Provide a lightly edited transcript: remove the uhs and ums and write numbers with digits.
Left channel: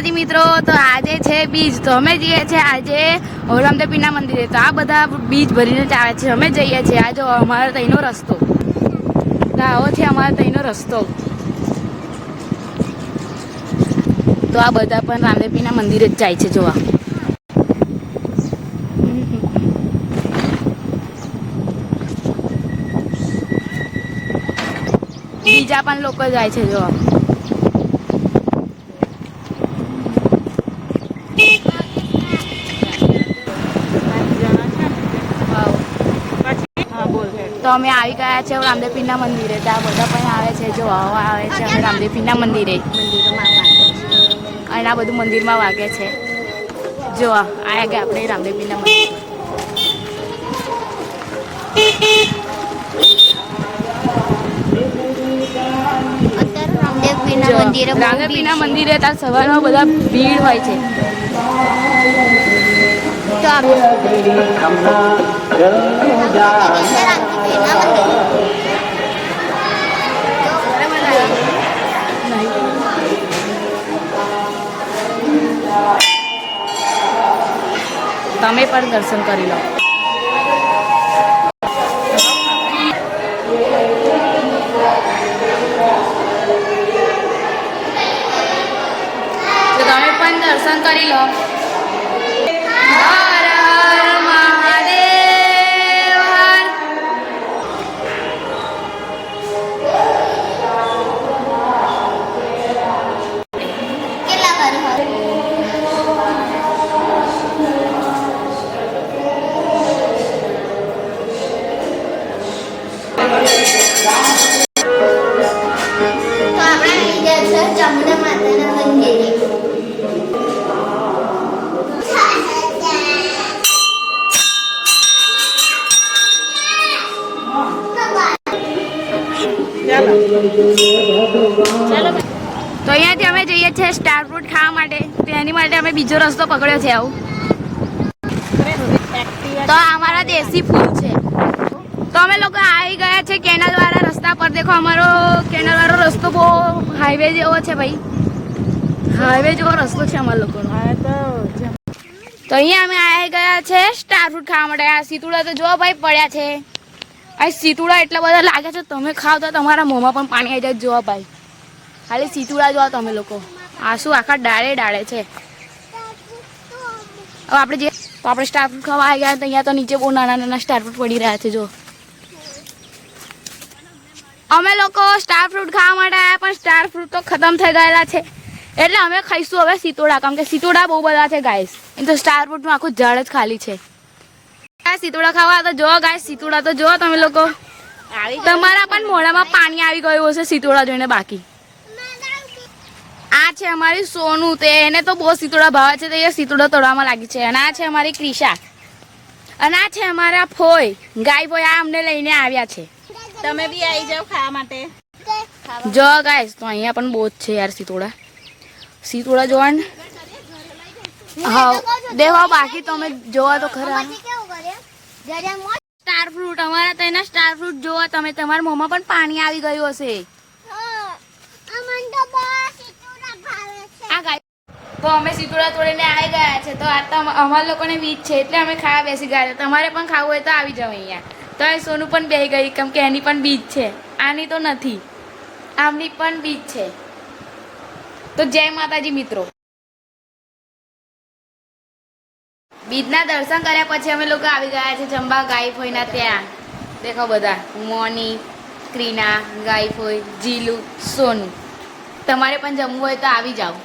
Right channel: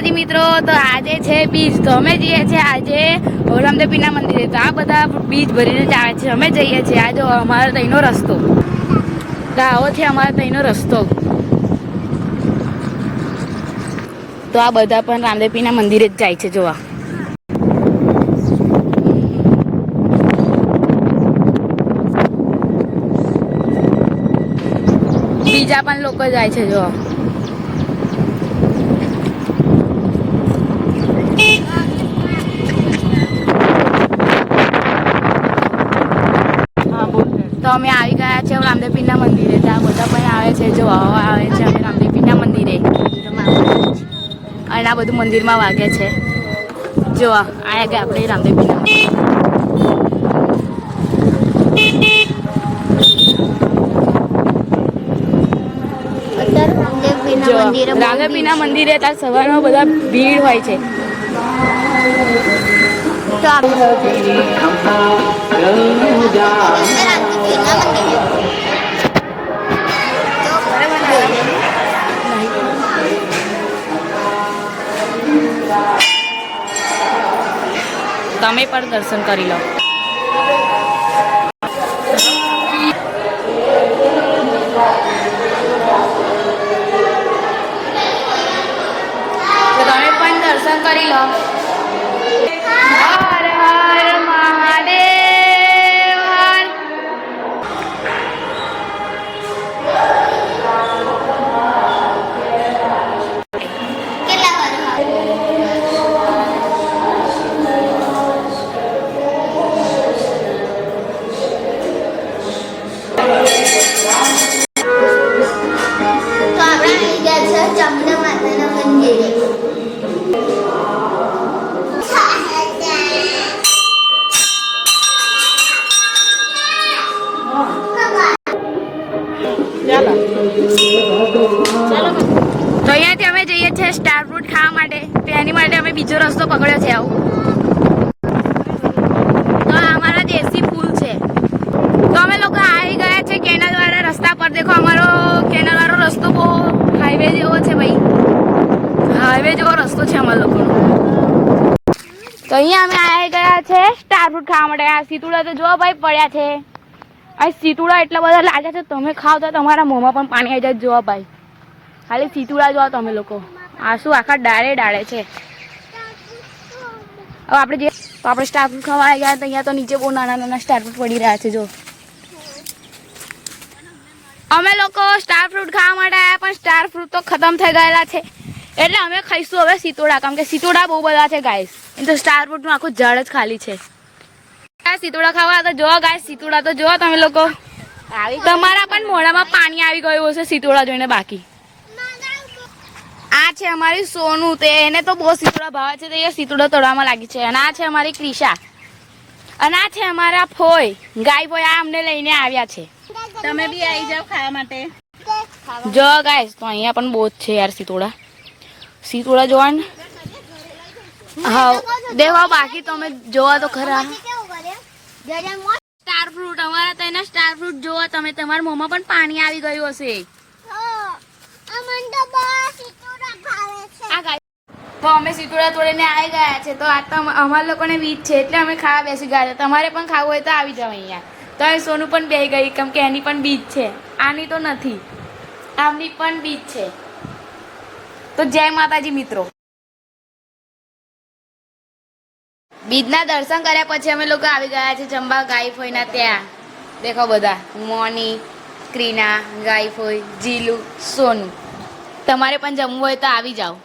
માતાજી મિત્રો, તો આજે છે બીજ, તો અમે જઈએ છીએ આજે રામદેવપીરના મંદિરે. તો આ બધા બીજ ભરીને જ આવે છે, અમે જઈએ છીએ. આ જો અમારે ત્યાંનો રસ્તો, તો આવો છે અમારે ત્યાંનો રસ્તો. તો આ બધા પણ રામદેવપીરના મંદિરે જ જાય છે જોવા. બીજા પણ લોકો જાય છે જોવા. તો અમે આવી ગયા છે રામદેવપીરના મંદિરે. ત્યાં બધા પણ આવે છે, જો આવે છે અમે રામદેવપીરના મંદિરે. અને આ બધું મંદિરમાં વાગે છે. જો આ ગયા આપણે રામદેવપીરના રામદેવપીરના મંદિરે ત્યાં સવારમાં બધા ભીડ હોય છે. તમે પણ દર્શન કરી લો. તો તમે પણ દર્શન કરી લો. હર હર મહાદેવ હર. ચામુંડા માતાના મંદિરે. તો અહીંયાથી અમે જઈએ છીએ સ્ટાર ફ્રૂટ ખાવા માટે. તો એની માટે અમે બીજો રસ્તો પકડ્યો છે. આવું તો અમારા દેશી ફૂલ છે. તો અમે લોકો આવી ગયા છે કેનાલ વાળા રસ્તા પર. દેખો અમારો કેનાલ વાળો રસ્તો બહુ હાઈવે જેવો છે ભાઈ, હાઈવે જેવો રસ્તો છે અમારા લોકોનો. તો અહીંયા અમે આવી ગયા છે સ્ટાર ફ્રૂટ ખાવા માટે. આ સીતુડા તો જો ભાઈ પડ્યા છે. આ સીતુડા એટલા બધા લાગે છે, તમે ખાવ તો તમારા મોંમાં પણ પાણી આવી જાય. જોવા ભાઈ, ખાલી સીતુડા જોવા તમે લોકો. આ શું આખા ડાળે ડાળે છે. હવે આપણે જે તો આપણે સ્ટાર ફ્રૂટ ખાવા આવી ગયા. તો અહીંયા તો નીચે બહુ નાના નાના સ્ટાર ફ્રૂટ પડી રહ્યા છે. જો અમે લોકો સ્ટાર ફ્રૂટ ખાવા માટે આવ્યા, પણ સ્ટાર ફ્રૂટ તો ખતમ થઈ ગયેલા છે. એટલે અમે ખાઈશું હવે સીતોડા, કારણ કે સીતોડા બહુ બધા છે ગાઈસ. તો સ્ટાર ફ્રૂટનું આખું ઝાડ જ ખાલી છે. સીતોડા ખાવા તો જો ગાઈસ, સીતોડા તો જો તમે લોકો. તમારા પણ મોઢામાં પાણી આવી ગયું હશે સીતોડા જોઈને. બાકી આ છે અમારી સોનું, તે એને તો બહુ સીતોડા ભાવે છે, તો એ સીતોડા તોડવામાં લાગી છે. અને આ છે અમારી ક્રિશા, અને આ છે અમારા ફોય ગાય ફોય. આ અમને લઈને આવ્યા છે. તમે બી આવી જાવ ખાવા માટે. જો ગાઈસ, તો અહીંયા પણ બહુ જ છે યાર સીતોડા. સીતોડા જોવા ને. હા દેવા, બાકી તમે જોવા તો ખરા. સ્ટાર ફ્રૂટ, અમારા તેના સ્ટાર ફ્રૂટ જોવા તમે. તમારા મોંમાં પણ પાણી આવી ગયું હશે. તો અમે સીતોડા તોડીને આવી ગયા છે. તો આ તો અમારા લોકોને બીજ છે, એટલે અમે ખાવા બેસી ગયા છે. તમારે પણ ખાવું હોય તો આવી જાવ અહીંયા. તો એ સોનું પણ બેસી ગઈ, કેમ કે એની પણ બીજ છે. આની તો નથી, આમની પણ બીજ છે. તો જય માતાજી મિત્રો. બીજના દર્શન કર્યા પછી અમે લોકો આવી ગયા છે જંબા ગાય ફોઈના ત્યાં. દેખો બધા, મોની, ક્રીના, ગાય ફોઈ, જીલુ, સોનું. તમારે પણ જમવું હોય તો આવી જાઓ.